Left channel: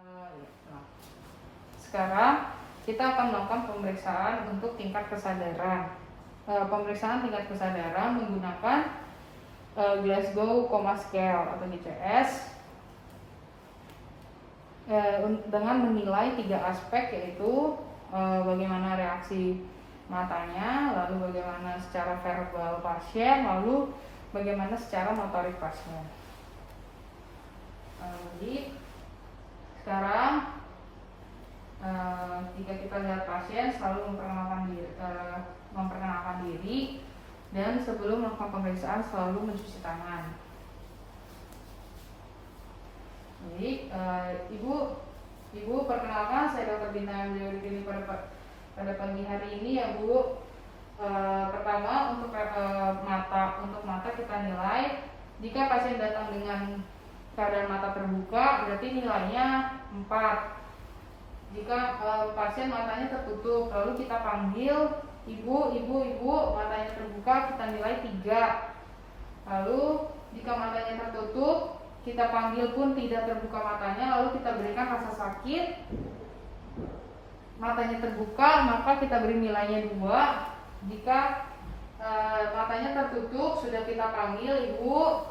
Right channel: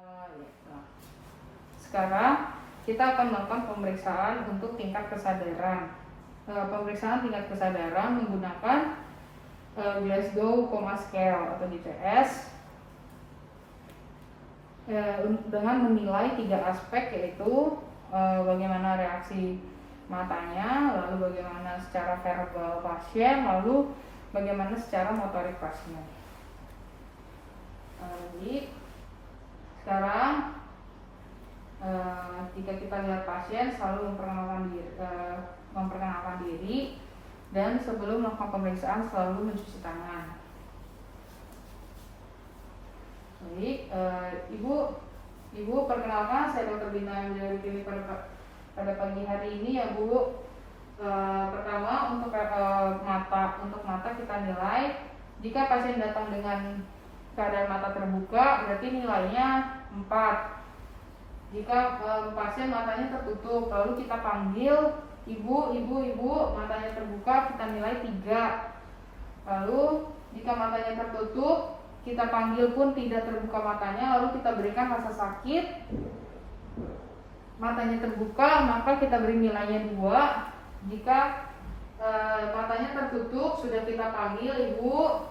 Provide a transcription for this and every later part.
Ya. Sekarang kita akan melakukan pemeriksaan untuk tingkat kesadaran. Pemeriksaan tingkat kesadaran menggunakan Glasgow Coma Scale atau GPS dengan menilai 3 aspek, yaitu bagaimana reaksi matanya, lalu bagaimana secara verbal pasien, lalu bagaimana secara motorik pasien. Jadi sekarang jika kita lihat pasien selalu memperkenalkan diri dan sebelum melakukan pemeriksaan selalu mencuci tangan. Jadi ibu perkenalkan, saya Dr. Bintang Anjali pada pagi hari ini ya Bu. Pertama untuk mata kita nilai, jika pasien datang dengan keadaan mata terbuka berarti nilainya 4. Jika pasien matanya tertutup lalu kita panggil ibu, matanya terbuka, kita nilai 3. Lalu jika matanya tertutup kita panggil pun tidak terbuka matanya, lalu kita berikan rasa sakit. Matanya terbuka maka kita beri nilainya 2. Jika matanya tertutup sudah kita panggil ibu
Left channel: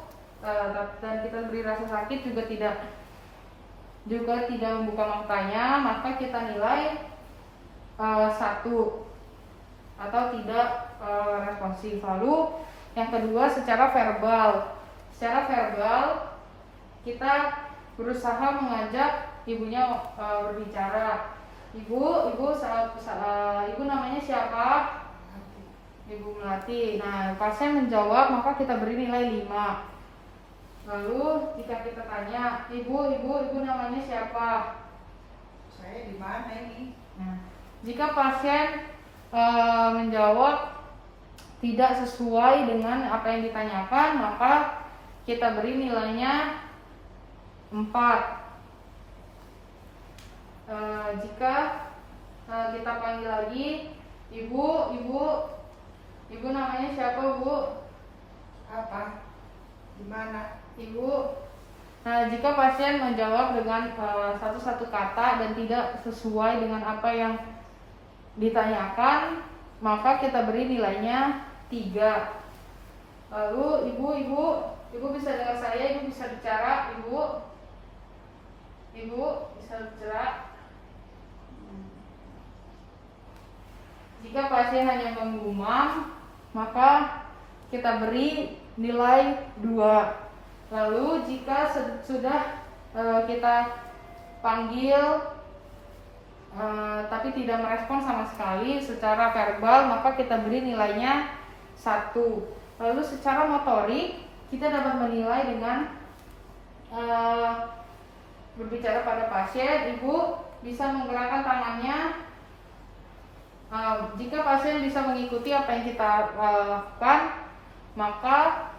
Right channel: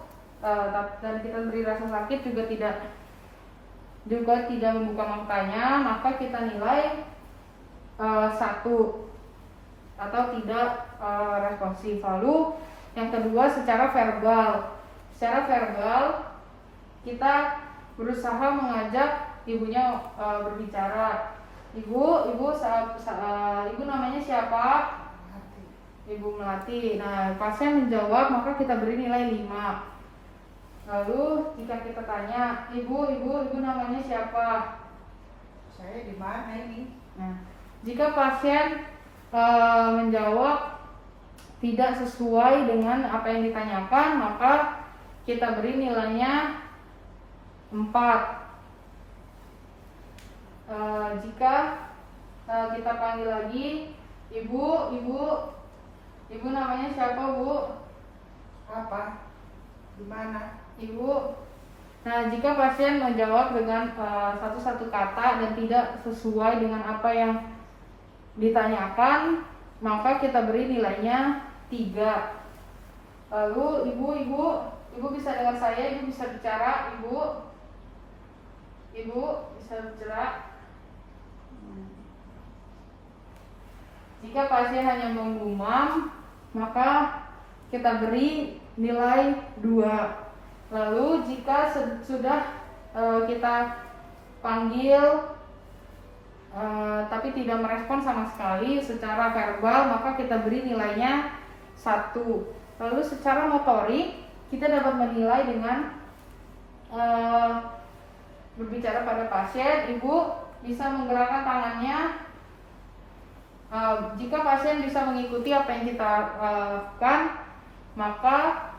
dan kita beri rasa sakit juga tidak membuka matanya, maka kita nilai 1 atau tidak responsif. Lalu yang kedua secara verbal. Secara verbal kita berusaha mengajak ibunya berbicara. Ibu namanya siapa? Ibu Melati. Nah, pasien menjawab maka kita beri nilai 5. Lalu jika kita tanya, ibu namanya siapa? Saya di mana ini? Nah, jika pasien menjawab tidak sesuai dengan apa yang ditanyakan, maka kita beri nilainya 4. Jika kita panggil lagi, ibu namanya siapa Bu? Apa? Di mana? Ibu. Nah, jika pasien menjawab dengan satu kata dan tidak sesuai dengan apa yang ditanyakan, maka kita beri nilainya 3. Lalu ibu bisa dengar saya, ibu bisa bicara, ibu bisa bicara. Jika pasien hanya menggumam, maka kita beri nilai 2. Lalu jika sudah kita panggil tapi tidak merespon sama sekali secara verbal, maka kita beri nilainya 1. Lalu secara motorik kita dapat menilai dengan berbicara pada pasien. Ibu bisa menggerakkan tangannya. Jika pasien bisa mengikuti apa yang kita lakukan, maka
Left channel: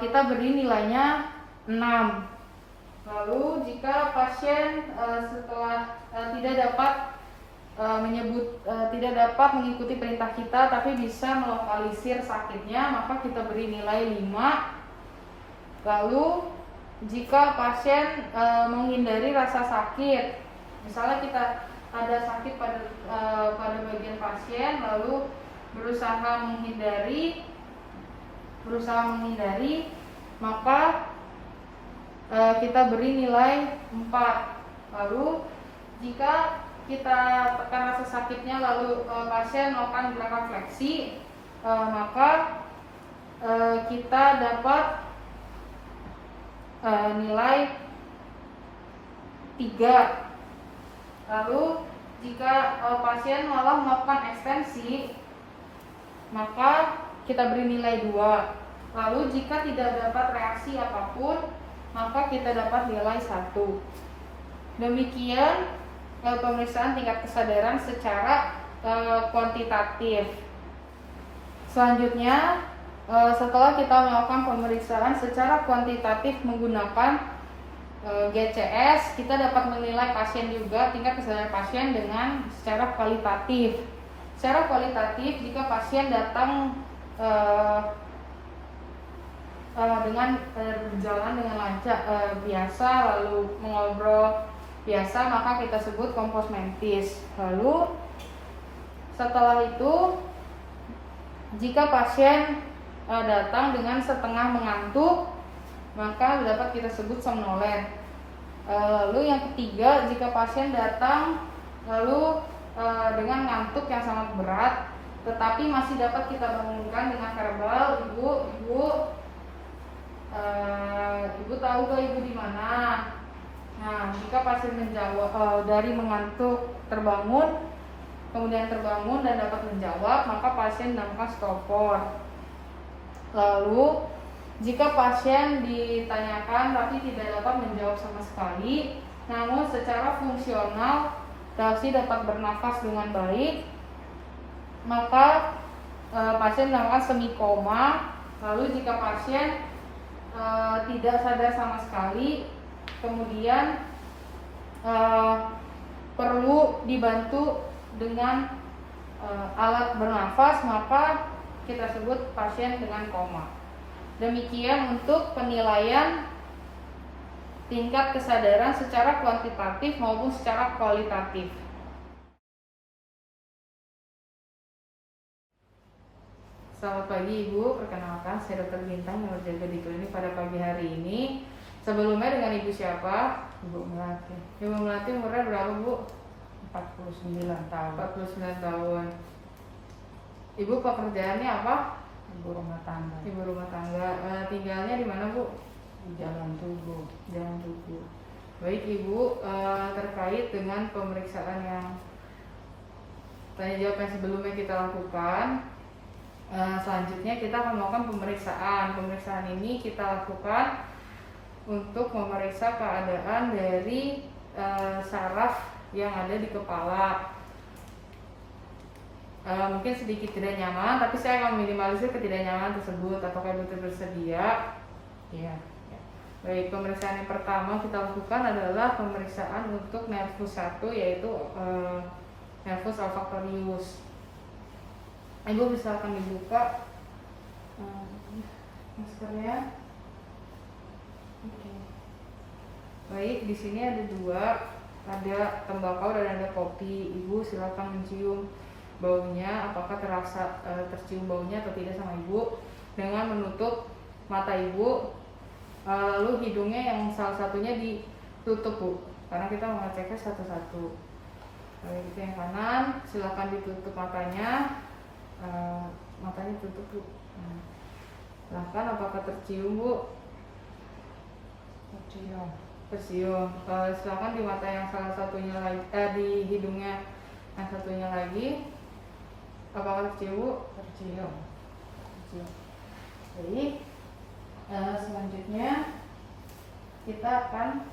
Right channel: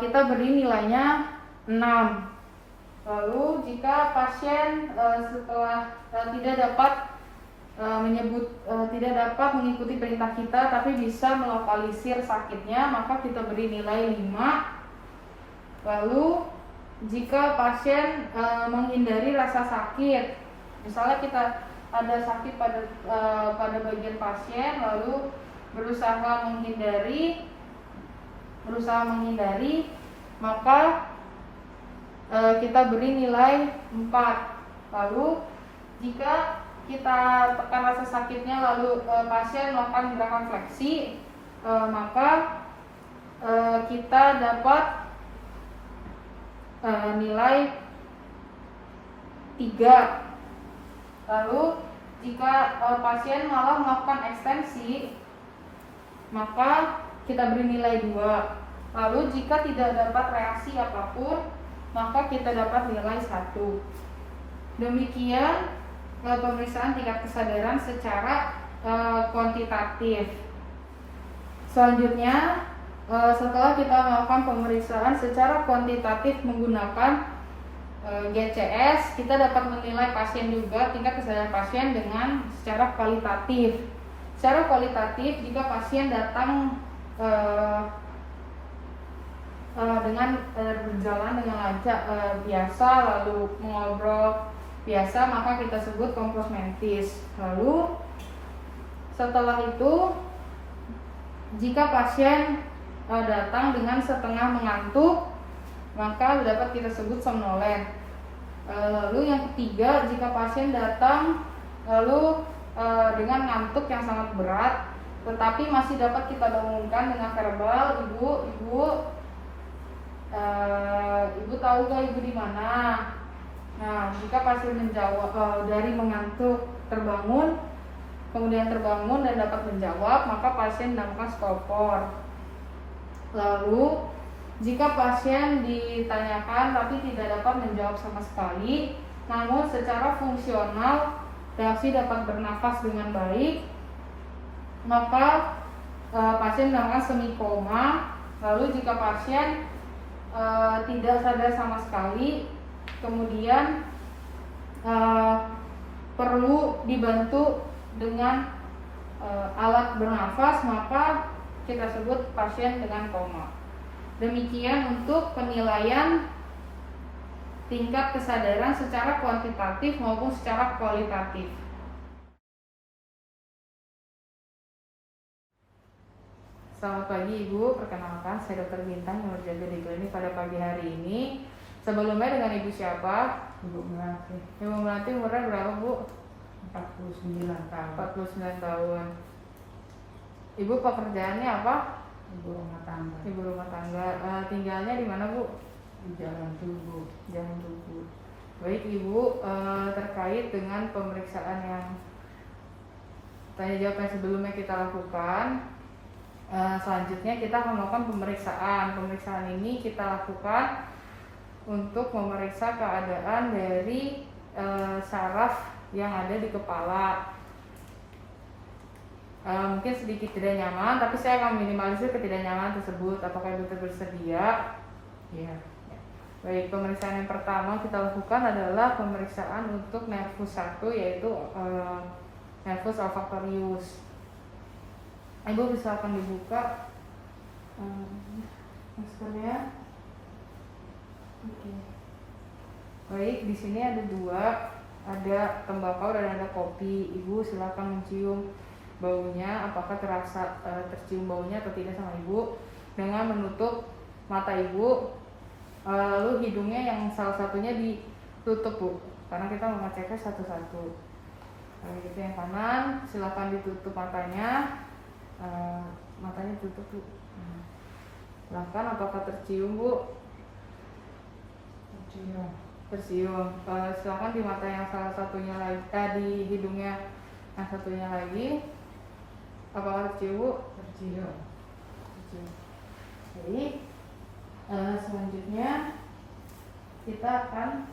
kita beri nilainya 6. Lalu jika pasien setelah tidak dapat mengikuti perintah kita tapi bisa melokalisir sakitnya, maka kita beri nilai 5. Lalu jika pasien menghindari rasa sakit, misalnya kita ada sakit pada bagian pasien lalu berusaha menghindari, maka kita beri nilai 4. Lalu jika kita tekan rasa sakitnya lalu pasien melakukan gerakan fleksi, maka kita dapat nilai 3. Lalu jika pasien malah melakukan ekstensi, maka kita beri nilai 2. Lalu jika tidak dapat reaksi apapun, maka kita dapat nilai 1. Demikian pemeriksaan tingkat kesadaran secara kuantitatif. Selanjutnya, setelah kita melakukan pemeriksaan secara kuantitatif menggunakan GCS, kita dapat menilai pasien juga tingkat kesadaran pasien dengan secara kualitatif. Secara kualitatif, jika pasien datang dengan berjalan dengan lancar biasa, lalu mengobrol biasa, maka kita sebut kompos mentis. Lalu setelah itu, jika pasien datang dengan setengah mengantuk, maka dapat kita sebut somnolen. Lalu yang ketiga, jika pasien datang lalu dengan ngantuk yang sangat berat, tetapi masih dapat kita bangunkan dengan verbal, ibu tahu gak ibu di mana? Nah, jika pasien menjawab dari mengantuk terbangun, kemudian terbangun dan dapat menjawab, maka pasien dinamakan stopor. Lalu jika pasien ditanyakan tapi tidak dapat menjawab sama sekali, namun secara fungsional masih dapat bernafas dengan baik, maka pasien dinamakan semi koma. Lalu jika pasien tidak sadar sama sekali, kemudian perlu dibantu dengan alat bernafas, maka kita sebut pasien dengan koma. Demikian untuk penilaian tingkat kesadaran secara kuantitatif maupun secara kualitatif. Selamat pagi Ibu, perkenalkan saya Dr. Bintang yang berjaga di klinik pada pagi hari ini. Sebelumnya dengan Ibu siapa? Ibu Melati. Ibu Melati umurnya berapa Bu? 49 tahun. 49 tahun. Ibu pekerjaannya apa? Ibu rumah tangga. Ibu rumah tangga. Tinggalnya di mana Bu? Di Jalan Tugu. Jalan Tugu. Baik Ibu, terkait dengan pemeriksaan yang tanya jawab yang sebelumnya kita lakukan, selanjutnya kita akan melakukan pemeriksaan. Pemeriksaan ini kita lakukan untuk memeriksa keadaan dari saraf yang ada di kepala. Mungkin sedikit tidak nyaman, tapi saya akan meminimalisir ketidaknyamanan tersebut. Apakah Ibu bersedia? Iya. Baik, pemeriksaan yang pertama kita lakukan adalah pemeriksaan untuk nervus 1, yaitu nervus olfactorius. Ibu bisa akan dibuka maskernya. Oke. Baik, di sini ada dua, ada tembakau dan ada kopi. Ibu silakan mencium baunya, apakah tercium baunya atau tidak sama Ibu, dengan menutup mata Ibu, lalu hidungnya yang salah satunya ditutup Bu, karena kita mau ngeceknya satu-satu. Baik, itu yang kanan, silakan ditutup matanya. Matanya tutup Bu. Silahkan, apakah tercium Bu? Tercium. Silahkan di mata yang salah satunya lagi, di hidungnya yang satunya lagi, apakah tercium Bu? Tercium. Jadi selanjutnya kita akan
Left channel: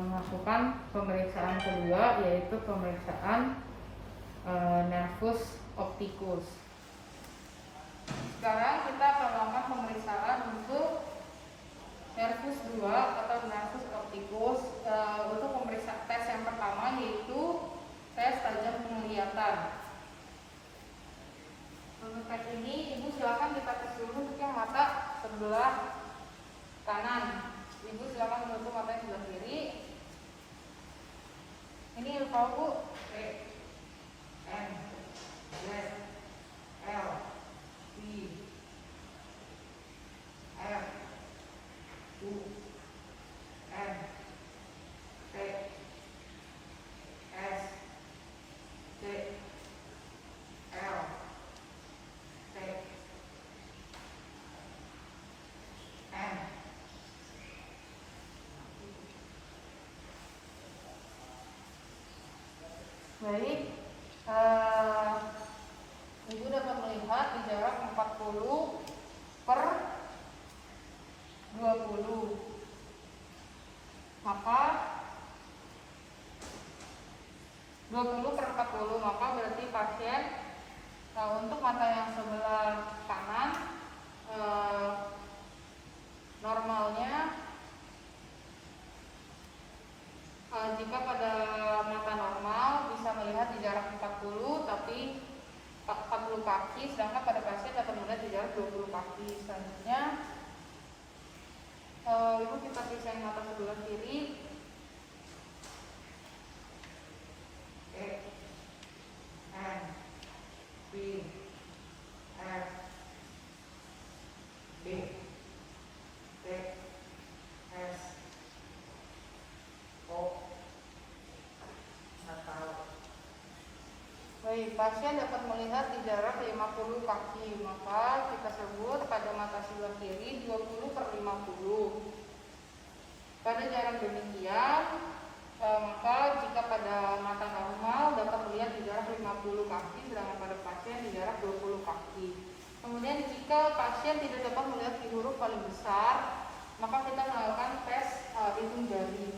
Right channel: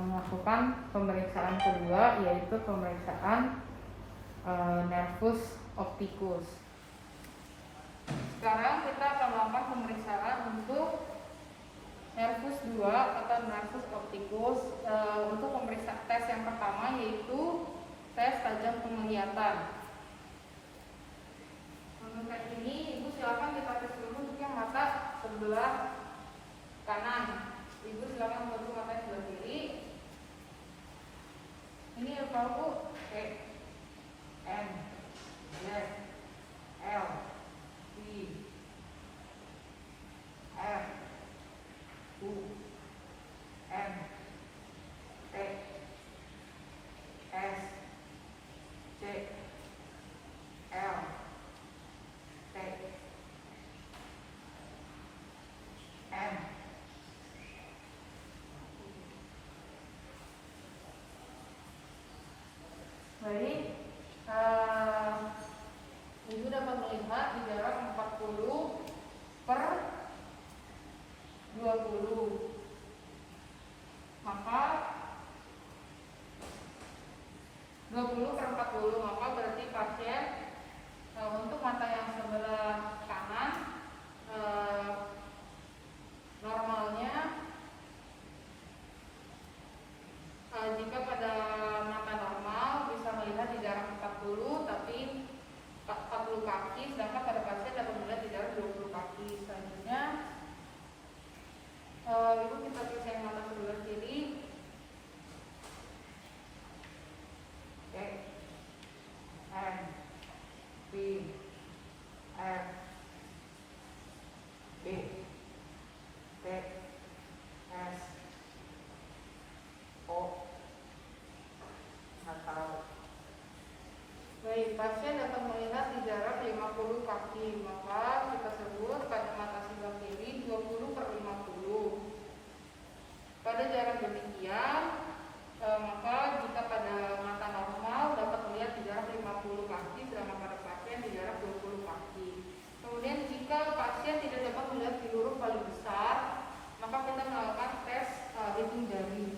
melakukan pemeriksaan kedua, yaitu pemeriksaan nervus opticus. Sekarang kita akan melakukan pemeriksaan untuk nervus 2 atau nervus opticus. Untuk pemeriksaan tes yang pertama yaitu tes tajam penglihatan. Untuk tes ini Ibu silakan kita tes dulu untuk yang mata sebelah kanan. Ibu silakan membantu mata sebelah kiri. Ini apa Bu? M, L, I, F, U, N, T, S, C, L, T, N. Baik, Ibu dapat melihat di jarak 40 per 20. Maka 20 per 40, maka berarti pasien untuk mata yang sebelah kanan normalnya jika pada mata normal bisa melihat di jarak 40, tapi 40 kaki, sedangkan pada pasien dapat melihat di jarak 20 kaki. Selanjutnya Si pasien dapat melihat di jarak 50 kaki, maka kita sebut pada mata sebelah kiri 20/50. Pada jarak demikian, maka jika pada mata normal dapat melihat di jarak 50 kaki, sedangkan pada pasien di jarak 20 kaki. Kemudian jika pasien tidak dapat melihat di huruf paling besar, maka kita melakukan tes hitung jari.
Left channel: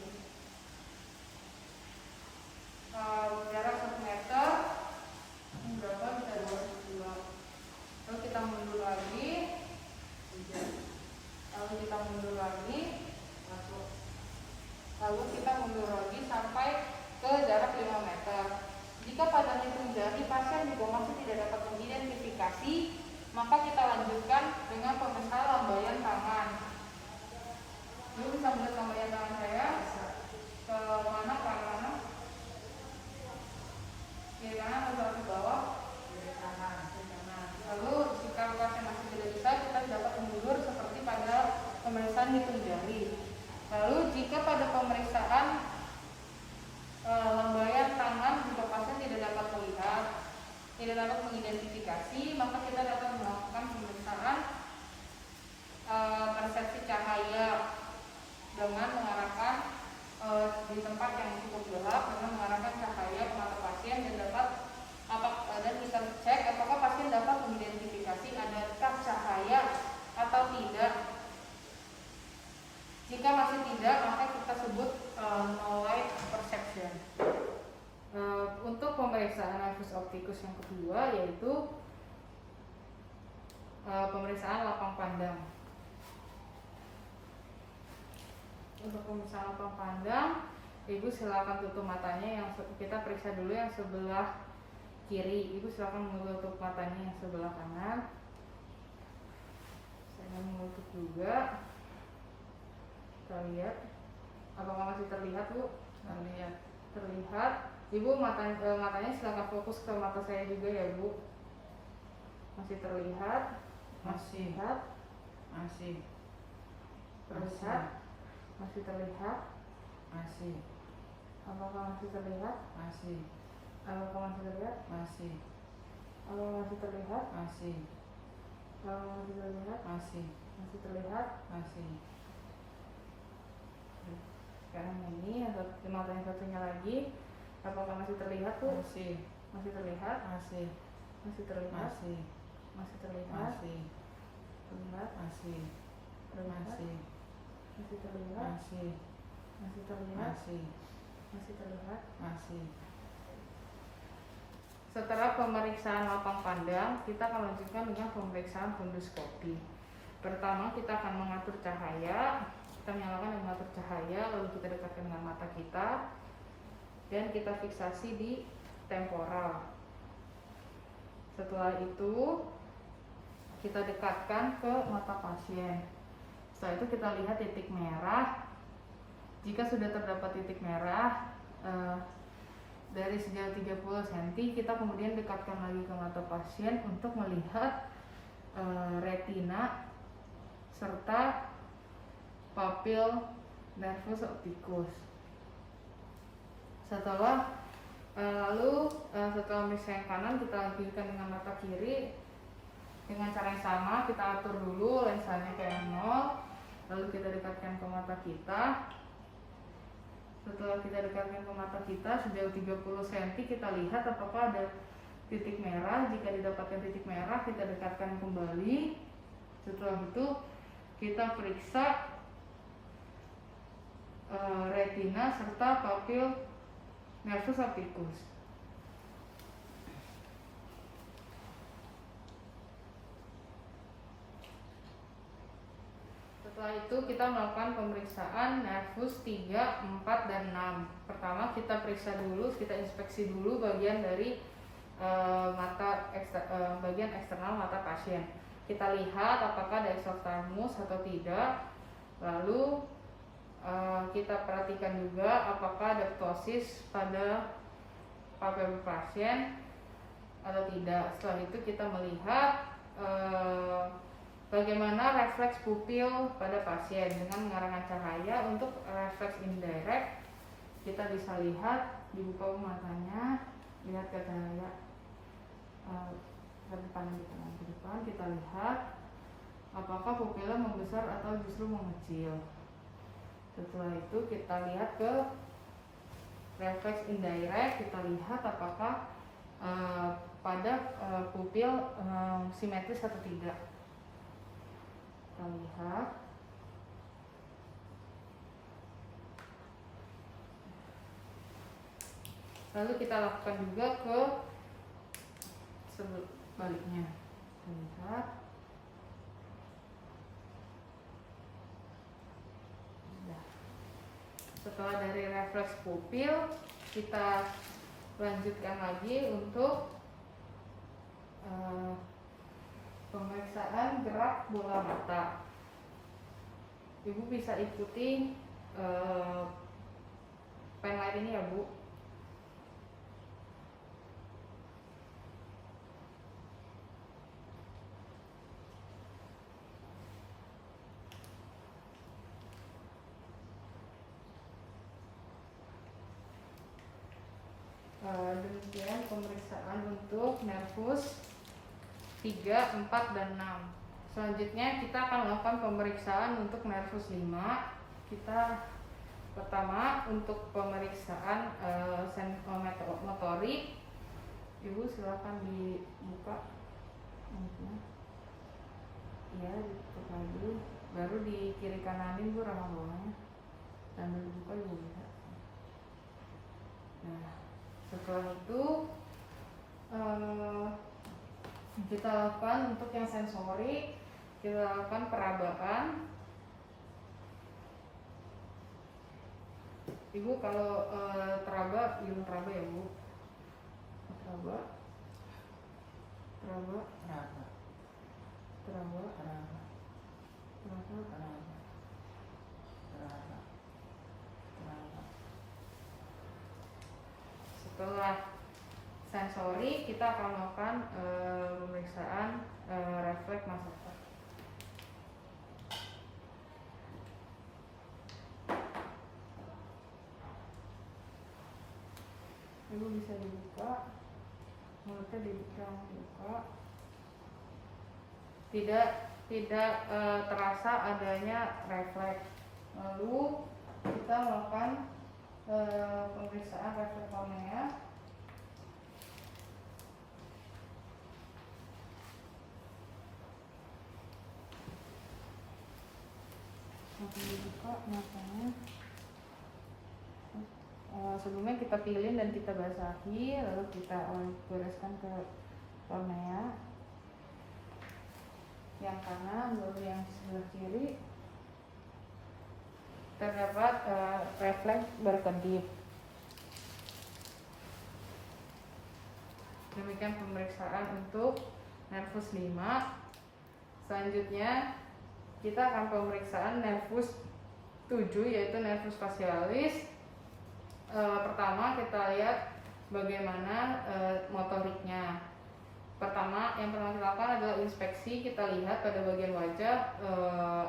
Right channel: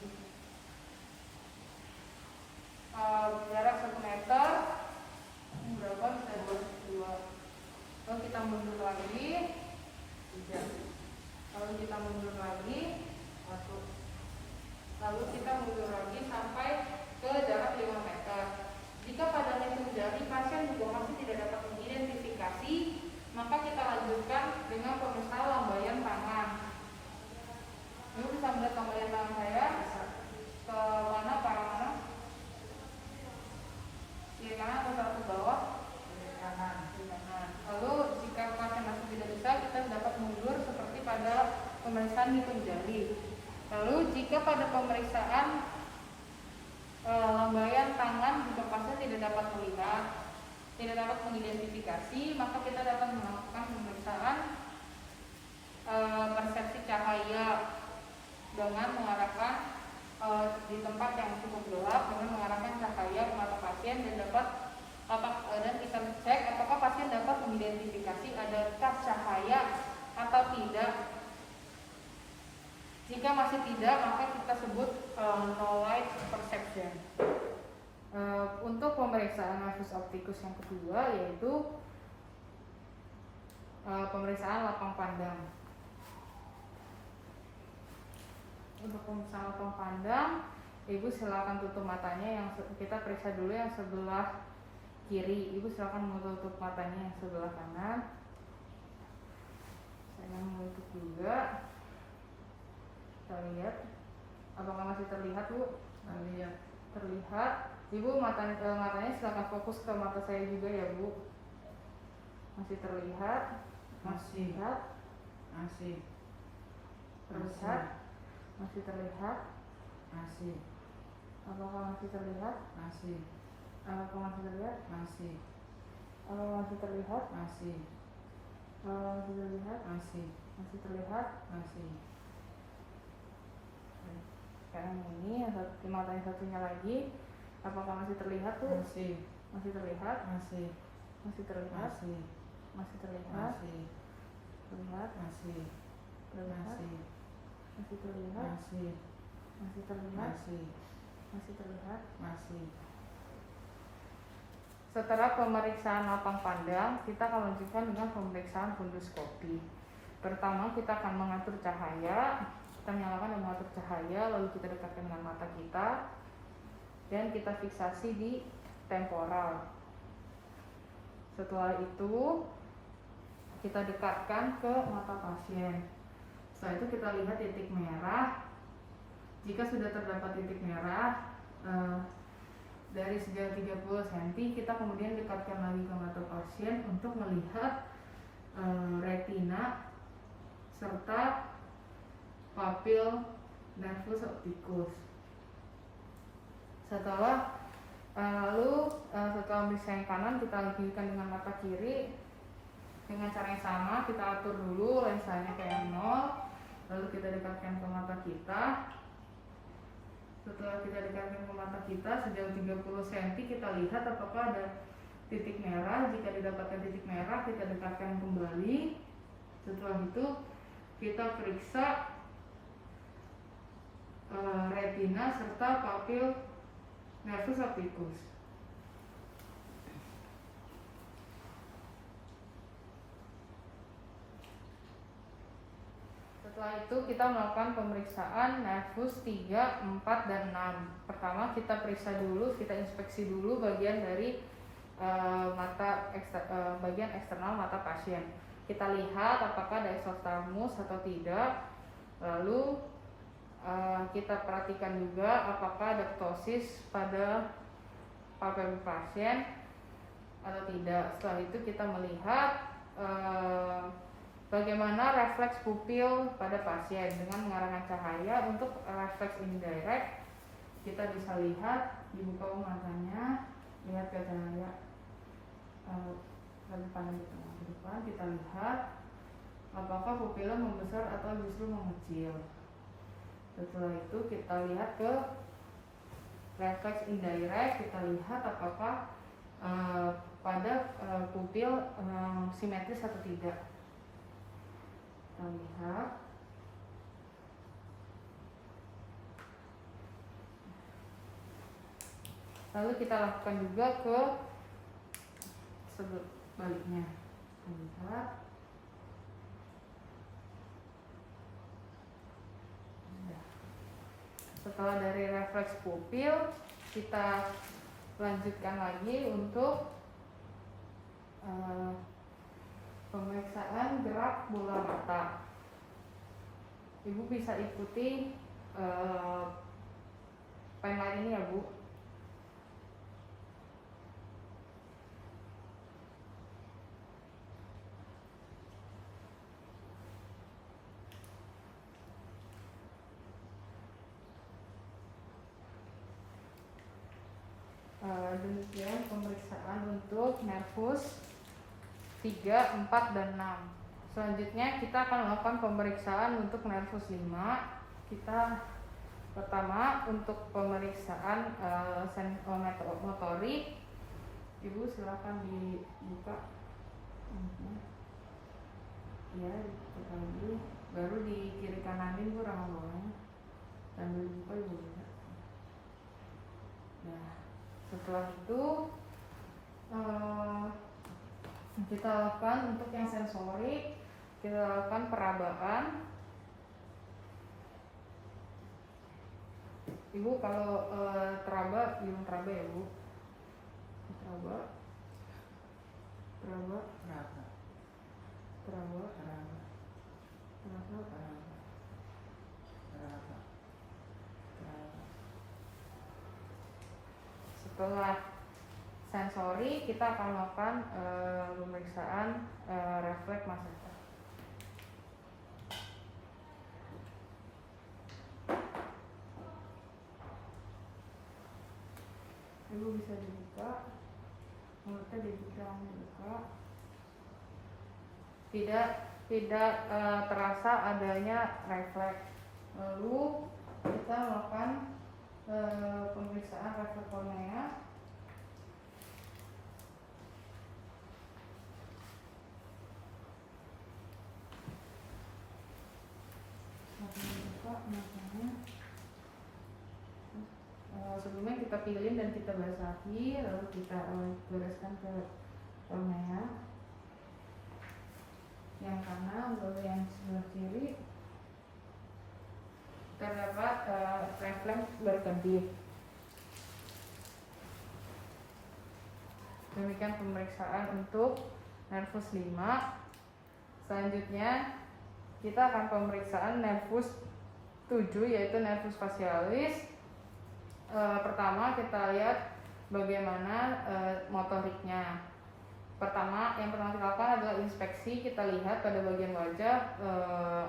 Jarak 1 meter berapa? Kita 22. Lalu kita mundur lagi, lalu kita mundur lagi sampai ke jarak 5 meter. Jika pada hitung jari pasien juga masih tidak dapat mengidentifikasi, maka kita lanjutkan dengan pemeriksaan lambaian tangan. Ibu bisa melihat lambaian tangan saya? Ke mana, ke arah mana? Kiri kanan atau ke bawah? Kiri kanan. Lalu jika pasien masih tidak bisa, kita dapat mundur seperti pada pemeriksaan hitung jari. Lalu jika pada pemeriksaan lambaian tangan juga pasien tidak dapat melihat, tidak dapat mengidentifikasi, maka kita dapat melakukan pemeriksaan persepsi cahaya dengan mengarahkan di tempat yang cukup gelap, dengan mengarahkan cahaya ke mata pasien dan kita cek apakah pasien dapat mengidentifikasi adakah cahaya atau tidak. Jika masih tidak, maka kita sebut no light perception. Untuk pemeriksaan nervus opticus yang kedua yaitu pemeriksaan lapang pandang. Untuk pemeriksaan lapang pandang, Ibu silakan tutup matanya. Yang kita periksa dulu yang sebelah kiri. Ibu silakan menutup matanya yang sebelah kanan. Saya menutup juga. Kita lihat, apakah masih terlihat, Bu? Terlihat. Ibu matanya silakan fokus ke mata saya juga ya, Bu. Masih terlihat? Masih. Terlihat? Masih terlihat? Masih. Apakah masih terlihat? Masih. Apakah masih terlihat? Masih. Apakah masih terlihat? Masih. Apakah masih terlihat? Masih. Masih terlihat? Masih. Sekarang ini mata yang satunya lagi, apakah masih terlihat, Bu? Masih. Masih terlihat? Masih. Masih terlihat? Masih. Masih terlihat? Masih. Terlihat? Masih. Terlihat? Masih. Masih terlihat? Masih. Masih terlihat? Masih. Masih terlihat? Masih. Setelah pemeriksaan lapang pandang, kita akan lanjutkan dengan pemeriksaan funduskopi. Pertama, kita akan mengatur cahaya. Kita menyalakan dan mengatur cahaya, lalu kita dekatkan dengan mata kita dan kita fiksasi di temporal. Setelah itu kita dekatkan ke mata pasien. Setelah itu kita lihat titik merah. Jika sudah terdapat titik merah dari sejauh 30 cm, kita kemudian dekatkan lagi ke mata pasien untuk melihat retina serta papil nervus opticus. Setelah memeriksa yang kanan, kita lanjutkan dengan mata kiri dengan cara yang sama. Kita atur dulu lensanya ke 0, lalu kita dekatkan ke mata kita. Setelah kita dekatkan ke mata kita sejauh 30 cm, kita lihat apakah ada titik merah. Jika didapatkan titik merah, kita dekatkan kembali. Setelah itu kita periksa retina serta papil nervus opticus. Setelah itu kita melakukan pemeriksaan nervus 3, 4, dan 6. Pertama kita periksa dulu, kita inspeksi dulu bagian dari bagian eksternal mata pasien. Kita lihat apakah ada exophthalmos atau tidak. Lalu kita perhatikan juga apakah ada ptosis pada papil pasien atau tidak. Setelah itu kita melihat bagaimana refleks pupil pada pasien dengan mengarahkan cahaya. Untuk refleks indirect kita bisa lihat, dibuka matanya, lihat ke cahaya. Dari pandang ke depan kita lihat apakah pupilnya membesar atau justru mengecil. Setelah itu kita lihat ke refleks indirect, kita lihat apakah pada pupil simetris atau tidak. Kita lihat. Lalu kita lakukan juga ke sebaliknya. Lihat. Setelah dari refleks pupil, kita lanjutkan lagi untuk pemeriksaan gerak bola mata. Ibu bisa ikuti pen light ini ya, Bu. Demikian pemeriksaan untuk nervus 3, 4, dan 6. Selanjutnya kita akan melakukan pemeriksaan untuk nervus 5. Kita pertama untuk pemeriksaan motorik. Ibu silakan dibuka. Ya, dibuka lagi. Baru di kiri kananin Bu rama bawahnya. Sambil dibuka Ibu bisa. Nah, setelah itu kita lakukan untuk yang sensori, kita lakukan perabaan. Ibu kalau teraba, bilang teraba ya Bu. Teraba. Setelah sensori, kita akan melakukan pemeriksaan refleks mata. Ibu bisa dibuka, mulutnya dibuka. Tidak terasa adanya refleks. Lalu kita melakukan pemeriksaan refleks kornea. Dibuka matanya. Sebelumnya kita pilih dan kita basahi, lalu kita bereskan ke kornea yang kanan, lalu yang sebelah kiri terdapat refleks berkedip. Demikian pemeriksaan untuk nervus 5. Selanjutnya kita akan pemeriksaan nervus 7, yaitu nervus facialis. Pertama kita lihat bagaimana motoriknya. Yang pertama kita lakukan adalah inspeksi. Kita lihat pada bagian wajah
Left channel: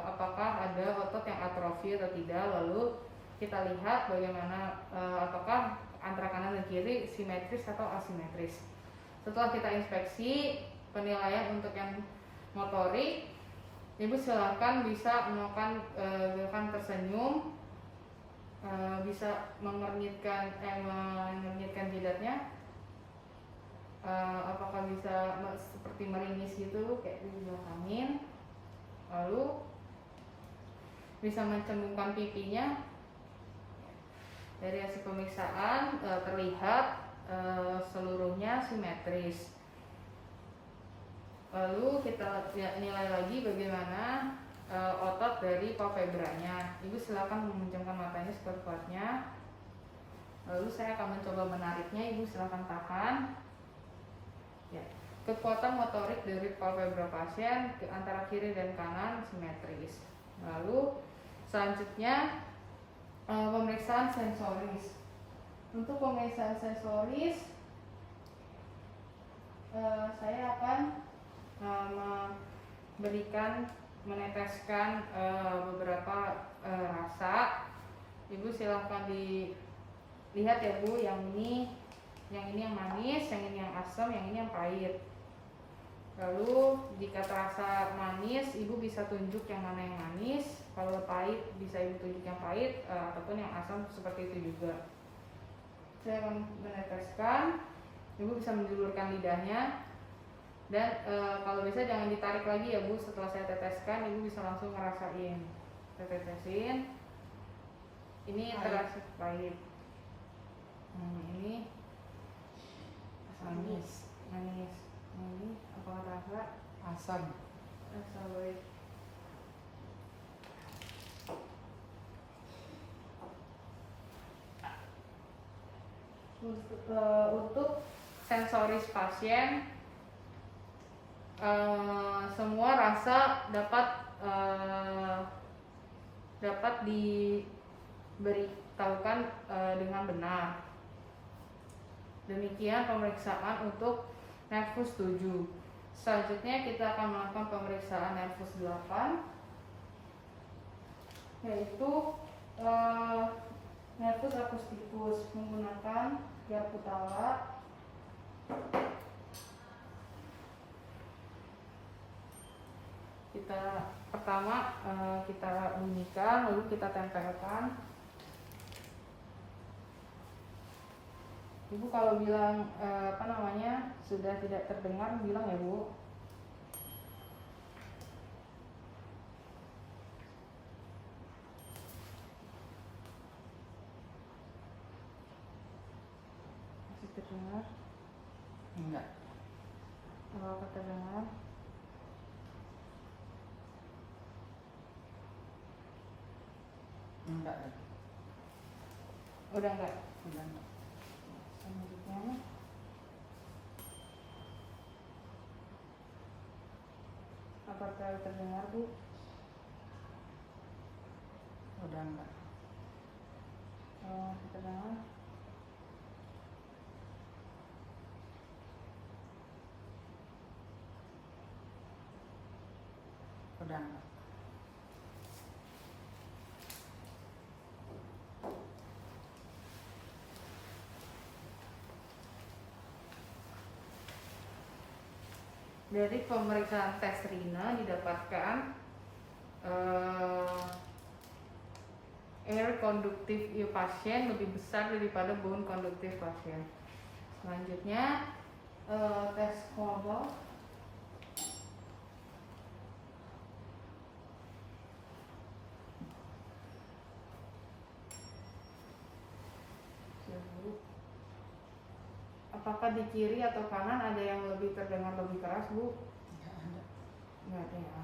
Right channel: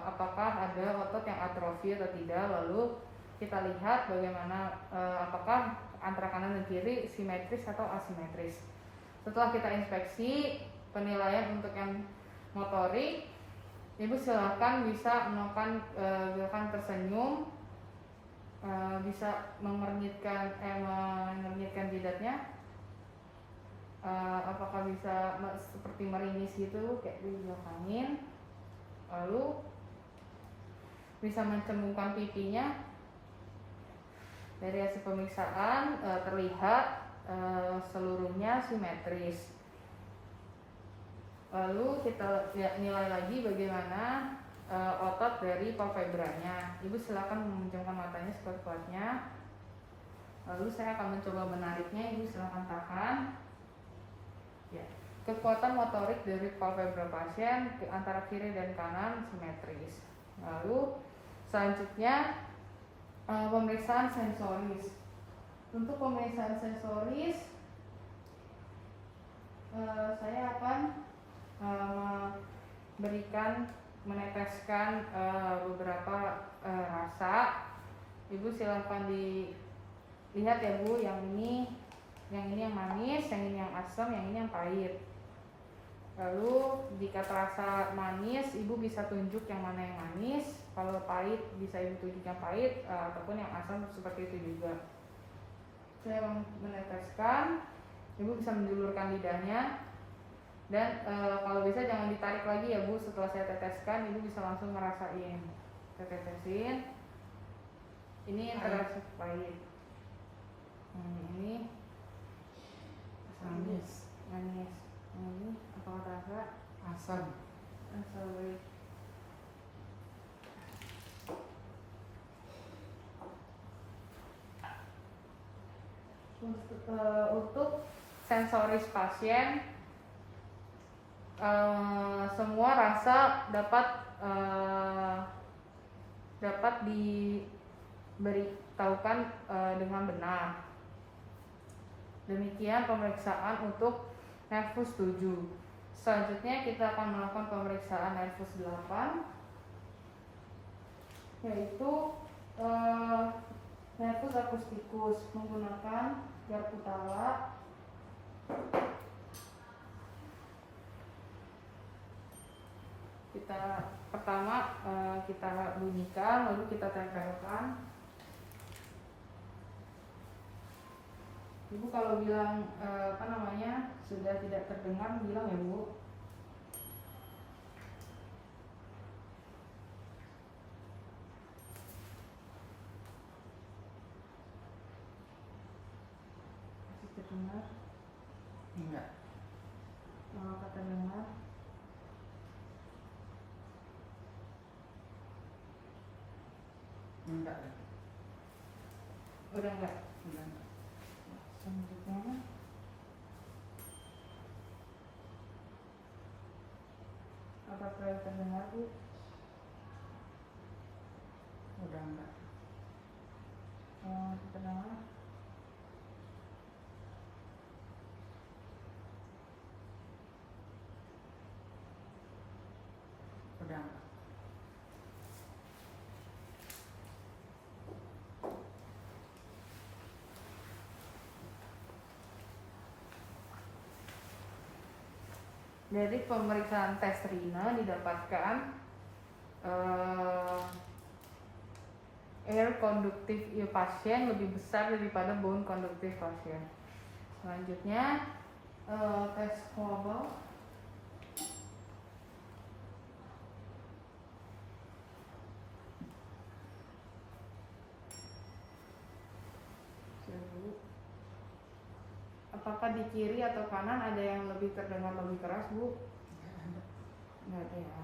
apakah ada otot yang atrofi atau tidak. Lalu kita lihat bagaimana apakah antara kanan dan kiri simetris atau asimetris. Setelah kita inspeksi, penilaian untuk yang motorik, Ibu silakan bisa melakukan gerakan tersenyum, bisa mengernyitkan jidatnya, apakah bisa seperti meringis gitu kayak dibelakangin, lalu bisa mencembungkan pipinya. Dari hasil pemeriksaan terlihat seluruhnya simetris. Lalu kita nilai lagi bagaimana otot dari palpebranya. Ibu silakan memejamkan matanya sekuat-kuatnya. Lalu saya akan mencoba menariknya. Ibu silakan tahan. Ya. Kekuatan motorik dari palpebra pasien antara kiri dan kanan simetris. Lalu selanjutnya pemeriksaan sensoris. Untuk pemeriksaan sensoris saya akan meneteskan beberapa rasa. Ibu silahkan dilihat ya Bu, yang ini yang manis, yang ini yang asam, yang ini yang pahit. Lalu jika terasa manis, ibu bisa tunjuk yang mana yang manis. Kalau pahit bisa ibu tunjuk yang pahit, ataupun yang asam seperti itu juga. Saya akan meneteskan, ibu bisa menjulurkan lidahnya. Dan kalau bisa jangan ditarik lagi ya bu, setelah saya teteskan ibu bisa langsung ngerasain. Saya tetesin, ini terasa pahit. Ini Manis. manis. Ini apakah terasa? Asam. Asam baik. Untuk sensoris pasien, semua rasa dapat diberitahukan dengan benar. Demikian pemeriksaan untuk nervus 7. Selanjutnya kita akan melakukan pemeriksaan nervus 8, yaitu nervus akustikus menggunakan Garputala. Pertama kita bunyikan, lalu kita tempelkan. Ibu kalau bilang sudah tidak terdengar, bilang ya bu. Masih terdengar? Enggak. Kalau terdengar, Enggak ya. udah enggak? Udah enggak. Selanjutnya apakah terdengar bu? Udah enggak. Terdengar? Udah enggak. Dari pemeriksaan tes Rina didapatkan air konduktif pasien lebih besar daripada bone konduktif pasien. Selanjutnya tes Kolbe. Apakah di kiri atau kanan ada yang lebih terdengar lebih keras bu? Enggak ada. Nggak ada ya.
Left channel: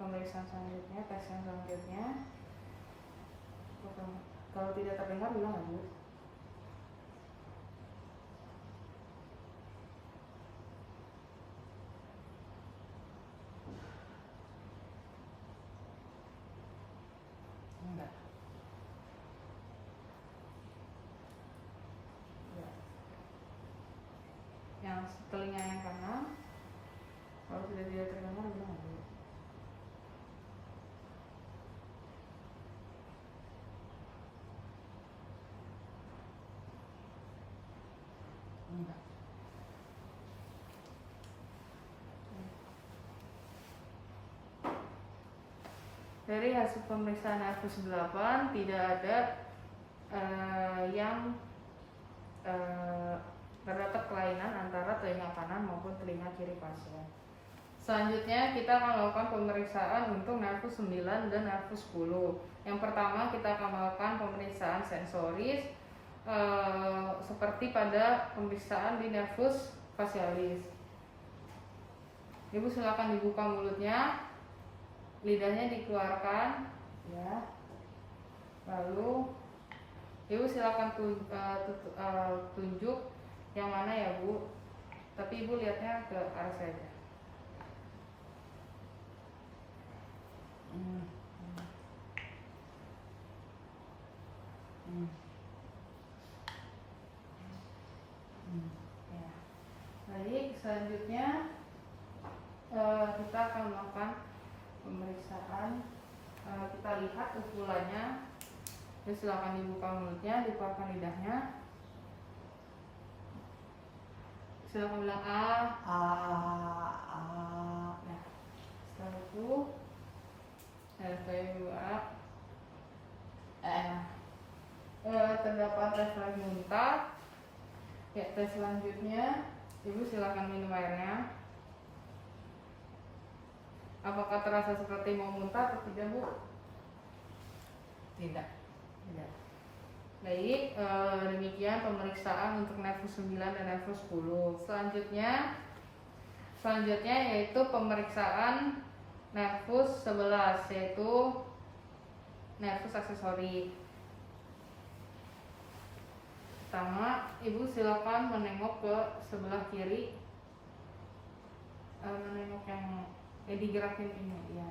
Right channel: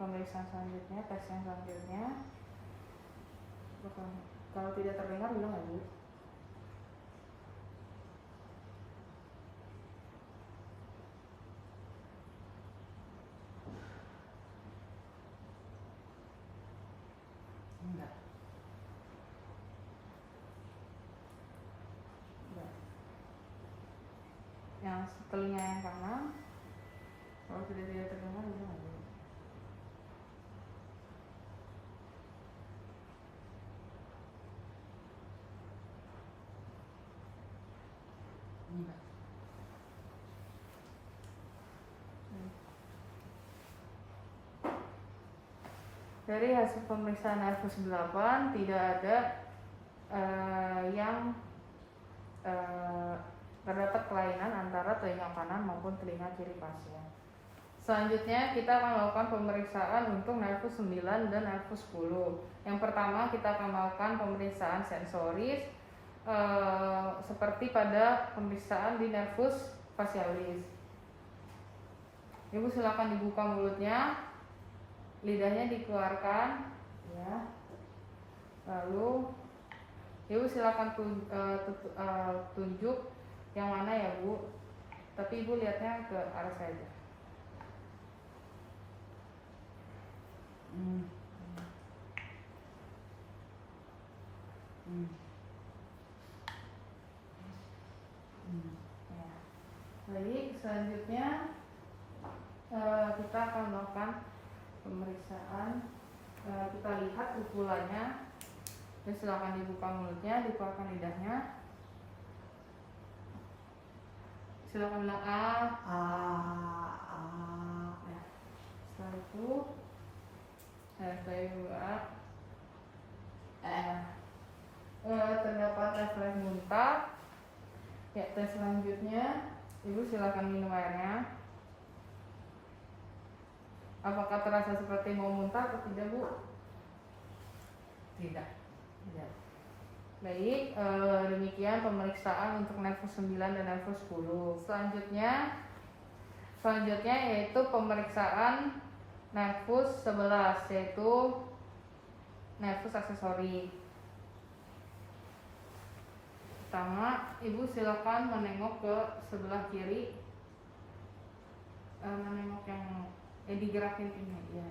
Pemeriksaan selanjutnya, tes yang selanjutnya. Kalau tidak terdengar bilang ya bu. Enggak. Yang telinga yang kanan, kalau sudah tidak terdengar bilang ya bu. Enggak. Dari hasil pemeriksaan nervus 8 tidak ada yang terdapat kelainan antara telinga kanan maupun telinga kiri pasien. Selanjutnya kita akan melakukan pemeriksaan untuk nervus 9 dan nervus 10. Yang pertama kita akan melakukan pemeriksaan sensoris seperti pada pemeriksaan di nervus facialis. Ibu silakan dibuka mulutnya, lidahnya dikeluarkan, ya. Lalu ibu silakan tunjuk yang mana ya bu. Tapi ibu lihatnya ke arah saya aja. Ya. Baik, selanjutnya kita akan melakukan pemeriksaan. Kita lihat ukurannya Terus silakan dibuka mulutnya, dikeluarkan lidahnya. Silakan bilang ah. Nah, setelah itu setelah terdapat refleks muntah. Ya, tes selanjutnya ibu silakan minum airnya. Apakah terasa seperti mau muntah atau tidak, Bu? Tidak. Tidak. Baik, demikian pemeriksaan untuk nervus 9 dan nervus 10. Selanjutnya yaitu pemeriksaan nervus 11, yaitu nervus aksesori. Pertama, ibu silakan menengok ke sebelah kiri, menengok yang digerakin ini ya.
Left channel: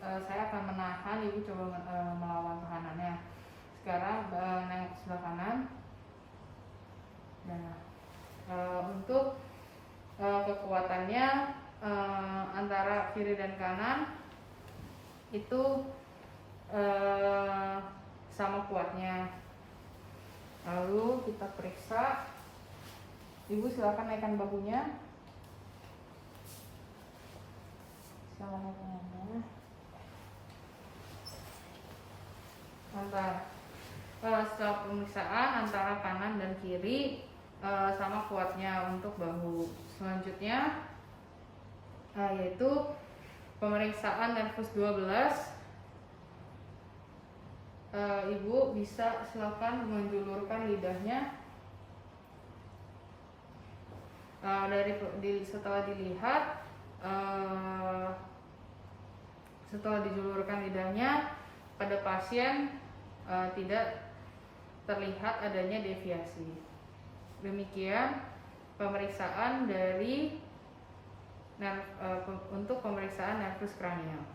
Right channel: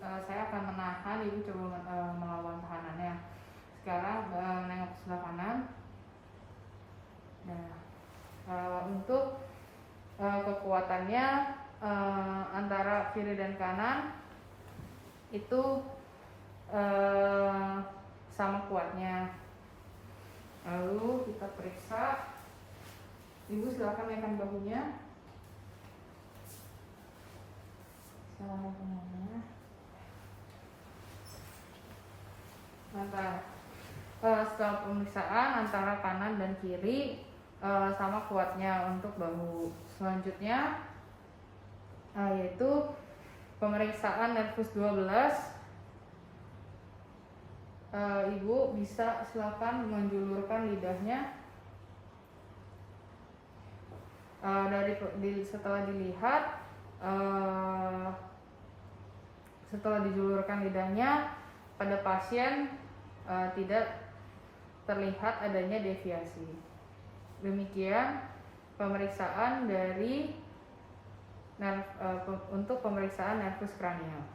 Saya akan menahan, ibu coba melawan tahanannya. Sekarang nengok ke sebelah kanan. Nah, untuk kekuatannya antara kiri dan kanan itu sama kuatnya. Lalu kita periksa. Ibu silakan naikkan bahunya. Salah satunya. Setelah pemeriksaan antara kanan dan kiri sama kuatnya untuk bahu. Selanjutnya yaitu pemeriksaan nervus 12. Ibu bisa silakan menjulurkan lidahnya. Setelah dijulurkan lidahnya, pada pasien tidak terlihat adanya deviasi. Demikian pemeriksaan dari untuk pemeriksaan nervus kranial.